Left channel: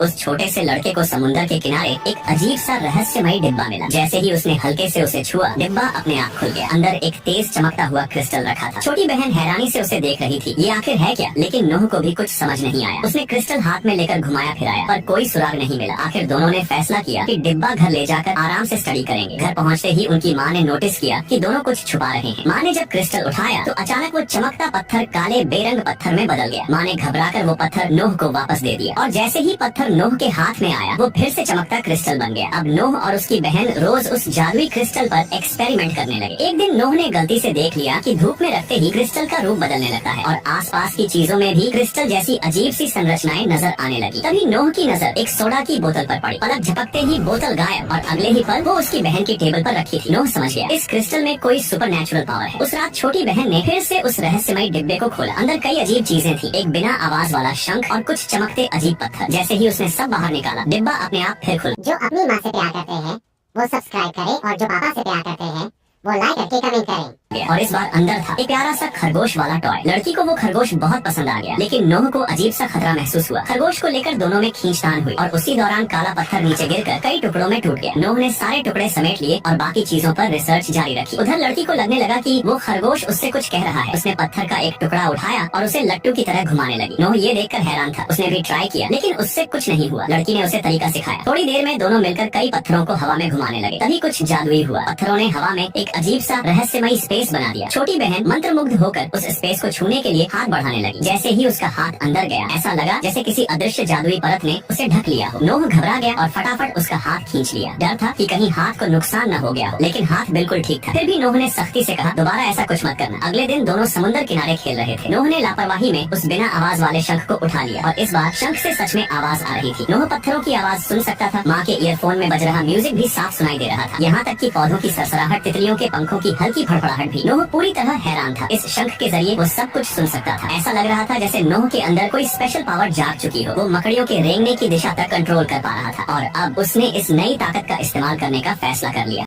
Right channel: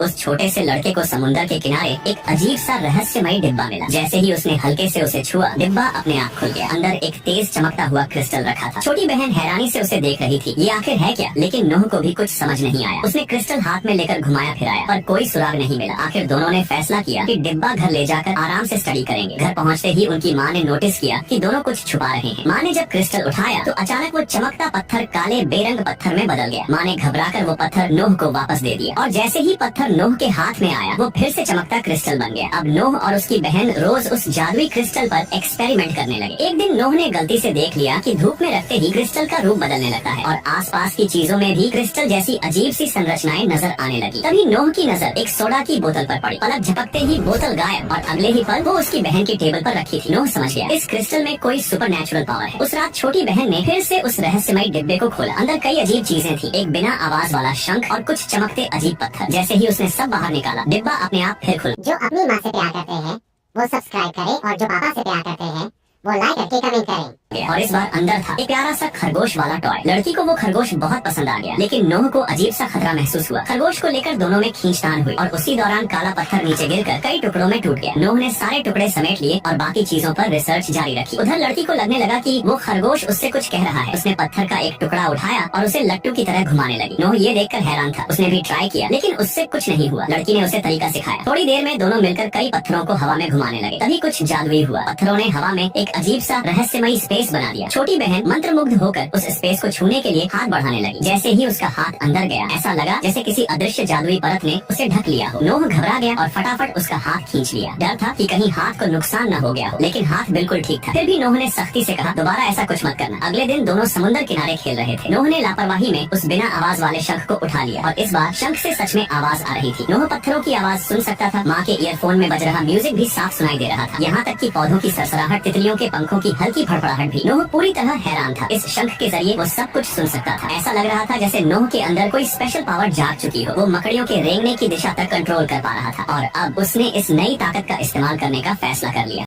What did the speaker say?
उस छोटे से लड़के को समुंदर के किनारे एक अजीब सा रहस्यमय डिब्बा मिला। जैसे ही उसने हल्के से उसे छुआ, डिब्बा अपने आप खुल गया। अंदर एक तेज चमकता हुआ क्रिस्टल रखा था। छोटी बहन हैरानी से उसे देख रही थी। ये आखिर है क्या? लेकिन नूह को भी कुछ समझ नहीं आया। उसने क्रिस्टल हाथ में लेकर घुमाया फिराया, पर कोई सुराग नहीं मिला। आखिर दोनों ने फैसला किया कि डिब्बा घर ले जाकर आराम से स्टडी करेंगे। घर पहुँचते ही उनकी माँ ने नोटिस किया कि दोनों कुछ छुपा रहे हैं। माँ ने जब क्रिस्टल उठाया तो अचानक वो चमकता पत्थर काले बेरंग पत्थर में बदल गया। माँ ने घबराकर वो पत्थर नूह को वापस दे दिया और जैसे ही पत्थर नूह के हाथ में आया, वो फिर से चमकता क्रिस्टल बन गया। अब नूह और उसकी बहन रोज उस जादुई क्रिस्टल पर एक्सपेरिमेंट करने लगे। एक दिन नूह ने गलती से देख लिया कि धूप में रखते ही क्रिस्टल का रूप बदलने लगता है और आसपास की चीजों में भी क्रिस्टल जैसी अजीब सी संरचनाएं नजर आने लगी। तभी नूह की नजर एक सोडा की बोतल पर पड़ी। पलक झपकते ही बोतल गायब और अगले ही पल वो उसकी बहन की टेबल पर रखी थी। नूह समझ गया इस क्रिस्टल में कोई सुपर नेचुरल पावर है। उस रात छोटी बहन ने फिर से उस रहस्यमय डिब्बे को खोला। अंदर कई अजीब चीजें थी, एक बिना आवाज वाला शंख और कुछ चमकते अजीब पत्थर। जैसे ही उसने सब बाहर निकाला, डिब्बा अपने आप फिर खुल। जो अपनी माँ से प्यार करते हैं वो सब्सक्राइब करें और जो पापा से प्यार करते हैं वो लाइक करके कमेंट करें। और इस बार अंदर था एक प्यारा सा खरगोश वाला टॉय। लड़की को वो खरगोश बहुत पसंद आ गया, लेकिन नूह को अजीब सा खतरा महसूस हुआ। खरगोश को लेकर दोनों में खींचतान हुई और उसी दौरान काला पत्थर नीचे गिरकर कई टुकड़ों में टूट गया। नूह ने सारे टुकड़े समेट लिए और बाकी चीजों पर रिसर्च जारी रखी। उधर लड़की को लगने लगा कि वो खरगोश उससे कुछ कह रहा है। उसने पत्थर का एक टुकड़ा उठाया और उसे लट्टू की तरह घुमाने लगी। नूह ये देखकर हैरान था। उसने भी ट्राई किया, लेकिन उससे कुछ नहीं हुआ। लड़की ने उसे तरीका सिखाया। थोड़ी देर में दोनों मिलकर कई पत्थरों को हवा में घुमाने लगे। तभी कुछ जादुई हुआ। पत्थरों ने हवा में एक अजीब सा रहस्यमयी स्पेस बना दिया। छोटी बहन मंत्रमुग्ध होकर उस स्पेस को छूने के लिए हाथ बढ़ाने लगी। जैसे ही उसका हाथ अंदर गया, ऐसा लगा जैसे किसी अदृश्य जादुई परत ने उसे ढक लिया हो। नूह घबरा गया और फटाफट उसका हाथ खींच लिया। डर था कि कहीं हाथ को नुकसान न हो गया हो, लेकिन हाथ बिल्कुल ठीक था। फिर भी नूह ने सख्ती से कहा, दोबारा ऐसा कुछ मत करना। अगले दिन दोनों समुद्र किनारे खेल रहे थे। नूह ने लापरवाही में उस बिना आवाज वाले शंख को उठा लिया और इस बार शंख से सच में आवाज आ रही थी। नूह पत्थरों की आवाज सुन सकता था। माँ के ईयरफोन में बज रहा म्यूजिक भी साफ सुनाई दे रहा था। यहाँ तक कि पौधों की सरसराहट, तितलियों के पंखों की हल्की फड़फड़ाहट भी। नूह पूरी तरह हैरान था। इस शंख के जरिए वो सब कुछ सुन सकता था। ऐसा लग रहा था जैसे नूह के अंदर कोई स्पेशल पावर जाग चुकी हो। वो मकड़ियों के रेंगने की दिशा तक कंट्रोल कर पा रहा था और अब उसने इस नई ताकत का इस्तेमाल करने का फैसला कर लिया।